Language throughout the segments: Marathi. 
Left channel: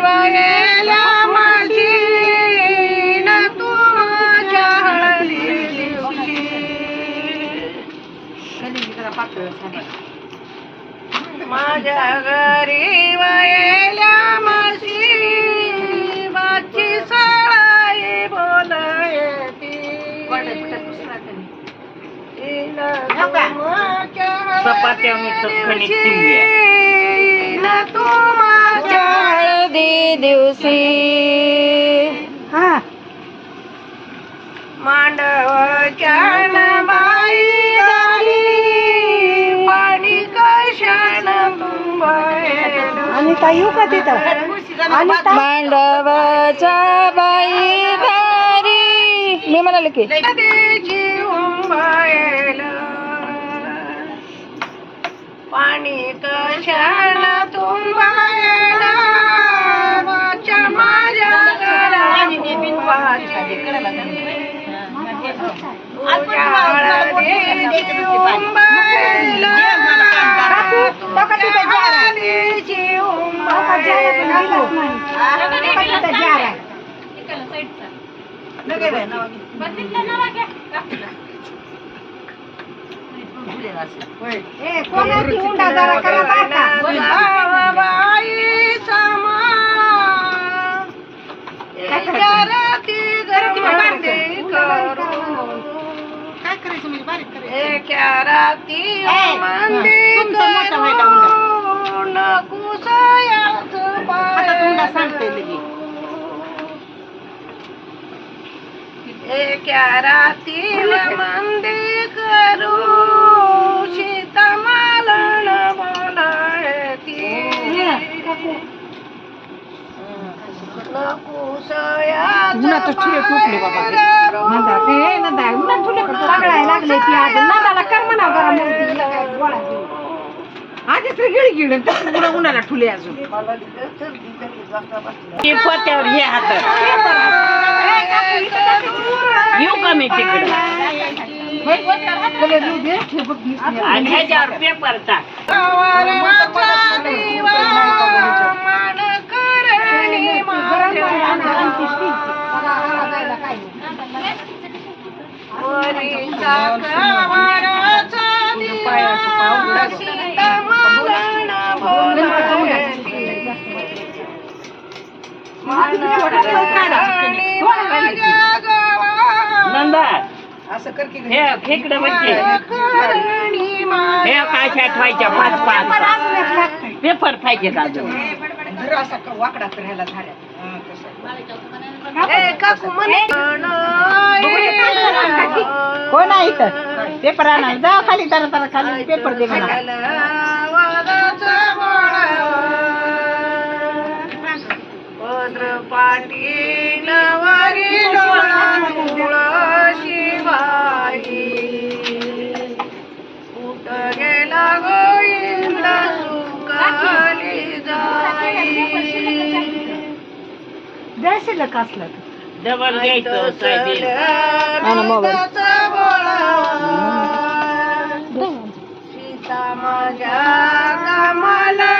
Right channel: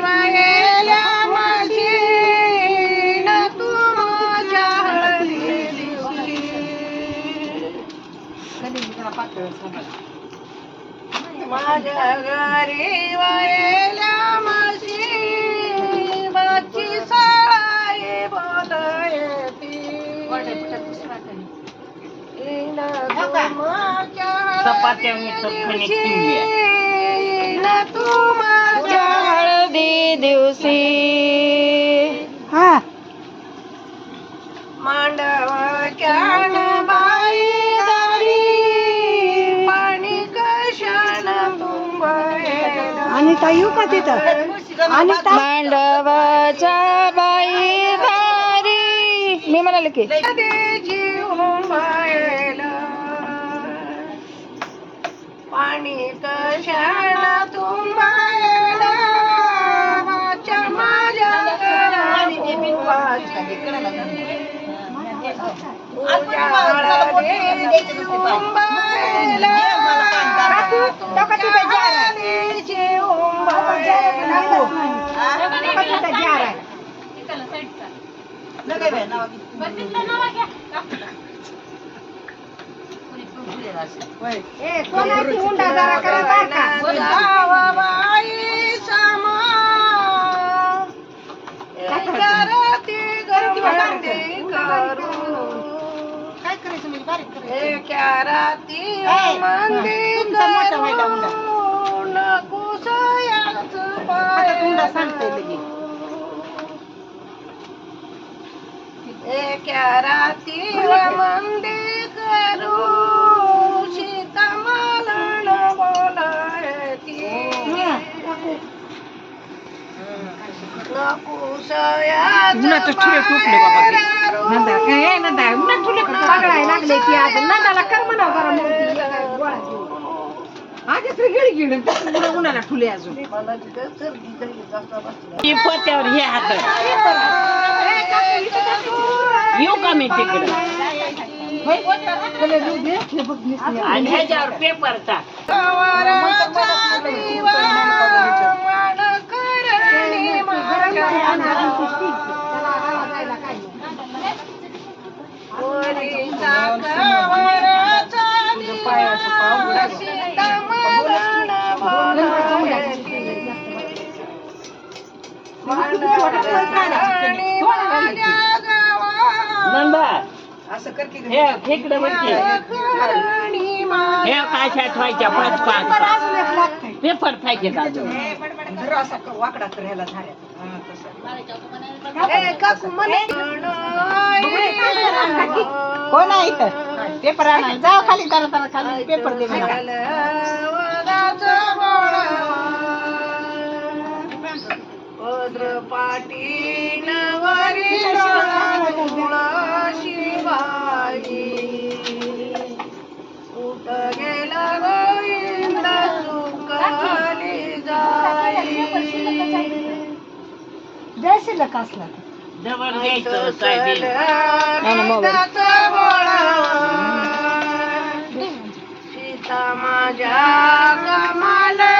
वयला माझी न तू माझ्या हळदी दिवशी. माझ्या घरी वयला माझी बाची सळाई बोलयती चपात्या मी चटकणीत ठेवल्या. तुमच्या हळदी दिवशी. मांडवच्या बाई दारी पाणी कशान आणि का तिथं? आणि मांडवाच्या बाई दारी. मी म्हणाले की पाणी कशाला बघा तिथं जार जार आहे, ए, कोणाची राती मंदिर उन्हाचं ठुले टुकले बाबा ते. नंदा आहे, नंदा. उन्हात ठुले का सगळ्या लागले की आता नंदाला कर म्हणा बरं हिला काय गोळा घेऊ. आधी तर गिळ गिळ तसं उन्हा- उन्हाला ठुले अजून येऊ का मी तिकडे? आणि ह्याच्यावर पेपर टाक. नंदा असं कर की हे खेकडे करणी हे काय ठेवायच्या पाच पाच. पेपर पाहिजे का अजून. जरा असा का वाकडा कर ह्याला झाड्या हा, तसं. ए, काकू म्हणे. कोण आहे इथं? पेपर आणा जा खाली जरा खाली. पेपर दे मला. पाटील वरी डोळा शिवाई. कुठ गेला गोविंद सुखाली जाई. असलं. डबल घ्यायचं. सीता माझ्या कमालणीचा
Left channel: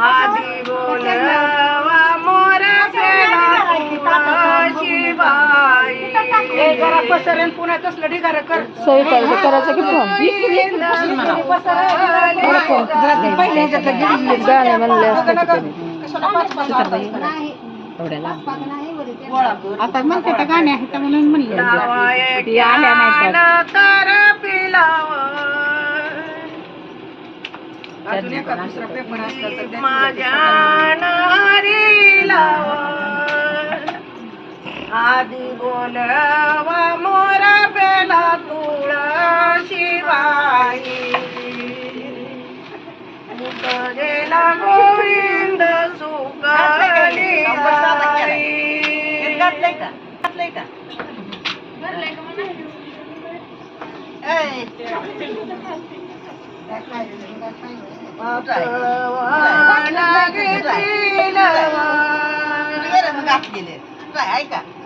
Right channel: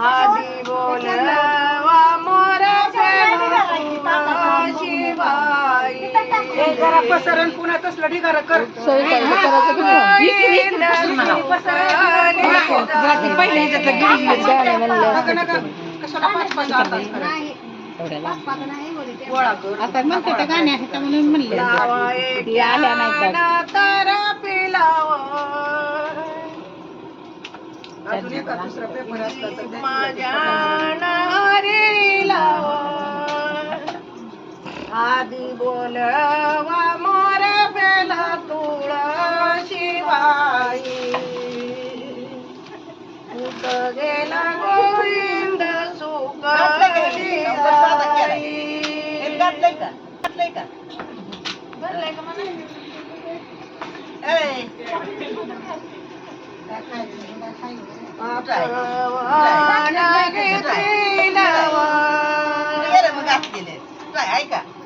आधी बोलवा मोर जरा पसरण पुन्हा तसलं ढिगारं कर पहिले ह्याच्यातलं गिळगिळ गाणे म्हणले असते आता म्हणते ते गाणे आहे तर म्हणून म्हणलं. तर पिलाव माझ्या आधी बोलवा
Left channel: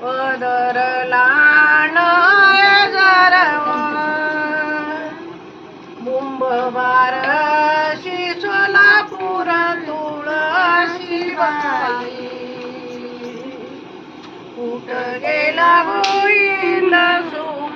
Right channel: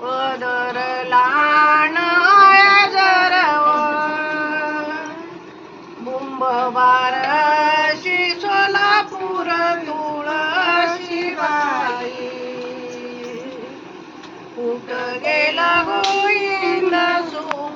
पदर लाण बुंबवार सोलापूर तुळशी बाई कुठ गेला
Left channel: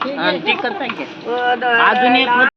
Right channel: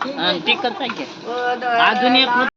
आणि टिकत पाहिजे अजून एक